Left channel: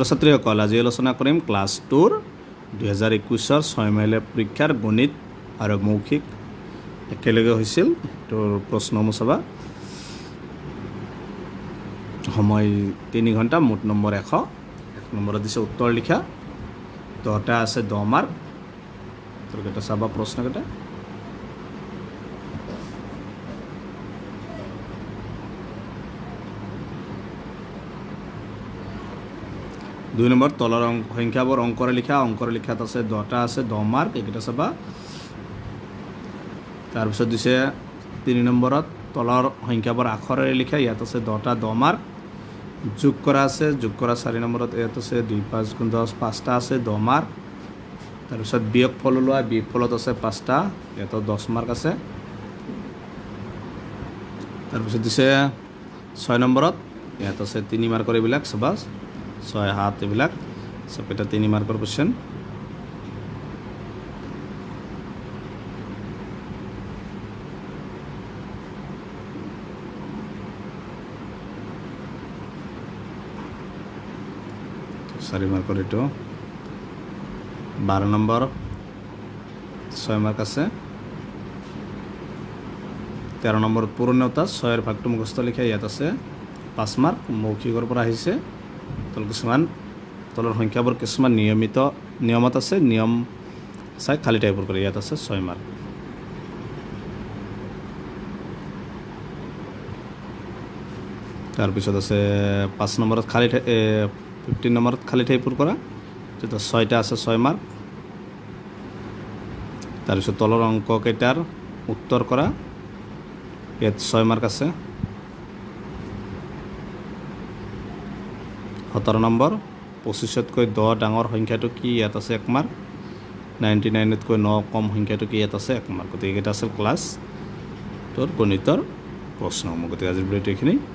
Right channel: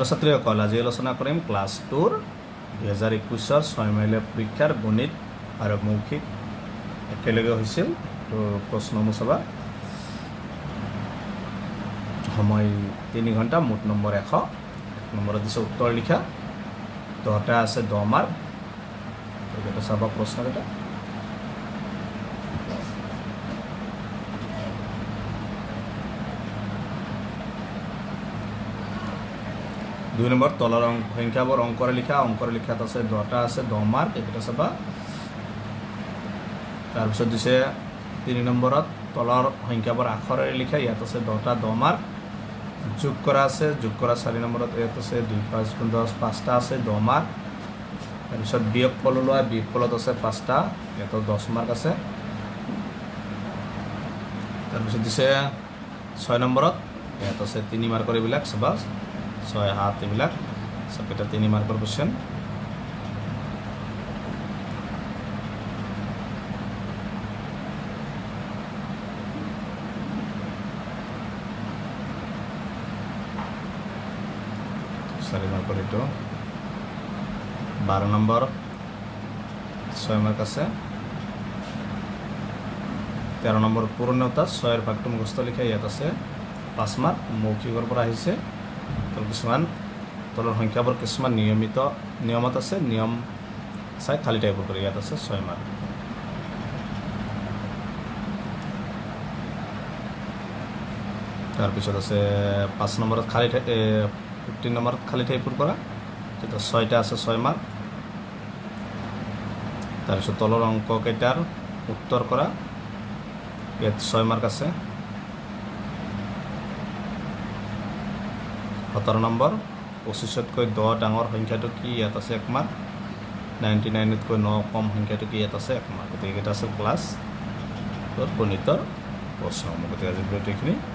ছাত্ৰীসকল আজি আলোচনা কৰিম ক্লাছ 2 2021 6 মাইল পৰীক্ষাৰ গণিত আৰু মৌখিক একেলগে হৈছিল তো প্ৰশ্ন মুছবা সময় 3 ঘণ্টা মোট নম্বৰ 100 নম্বৰত দিছে উত্তৰ লিখা 10টা আছে 10 মাৰ্ক তো এটা চাবা প্ৰশ্ন এটা দুই নম্বৰ তলৰ সংখ্যাবোৰ অংকৰ লিখাত আছে 10টা আছে 10 মাৰ্ক এটা চাবা তাৰ পিছত দিছে 3 নম্বৰত তলৰ সংখ্যাবোৰ আখৰেৰে লিখা ইয়াত আছে 10টা 10 মাৰ্ক যোগ কৰা 4 নম্বৰত ইয়াত আছে 2 5 গুণ 10 5টা আছে 10 মাৰ্ক তাৰ পিছত বিয়োগফল লোৱা বিয়োগফলত আছে 5টা ইয়াত 10 মাৰ্ক আছে তাৰ পিছত দিছে 6 নম্বৰত ইয়াত আছে 3 মাৰ্কৰ এইবিলাক চাবা 6 7 এইবিলাক সবটা 3 মাৰ্কৰ কোশ্চেন সাৰি মাৰ্কৰ এটো 12 নম্বৰ 6 মাৰ্ক আছে 13 নম্বৰ পূৰ্ণতা 6 এৰ ভাগটো মুখস্থ লিখা ইয়াত আছে 5 মাৰ্ক মৌখিকৰ পৰা আহিছে কিছুমান তলৰ সংখ্যাবোৰ কিছুমান নিয়মত আছে নিয়ম চাই খালি টাইপৰ কৰি ইয়াত আছে 6 মাৰ্ক তাৰ পিছত আছে 5 নম্বৰত খালি 15 নম্বৰত খালি টাইপৰ কৰা যেটা 6টা আছে 6 মাৰ্ক তাৰ পিছত তলৰ অংক কেইটাৰ উত্তৰ কৰা ইয়াত 6 মাৰ্ক আছে 17 নম্বৰ 25তকৈ 10 ডাঙৰ সংখ্যাটো কি ইয়াত আছে 1 মাৰ্ক 99তকৈ 9 কম সংখ্যাটো কি ইয়াত আছে 1 মাৰ্ক গতিকে এটা আছে ক্লাছ গণিতৰ প্ৰশ্ন গতিকে আজি ভিডিঅ'টো এইখিনি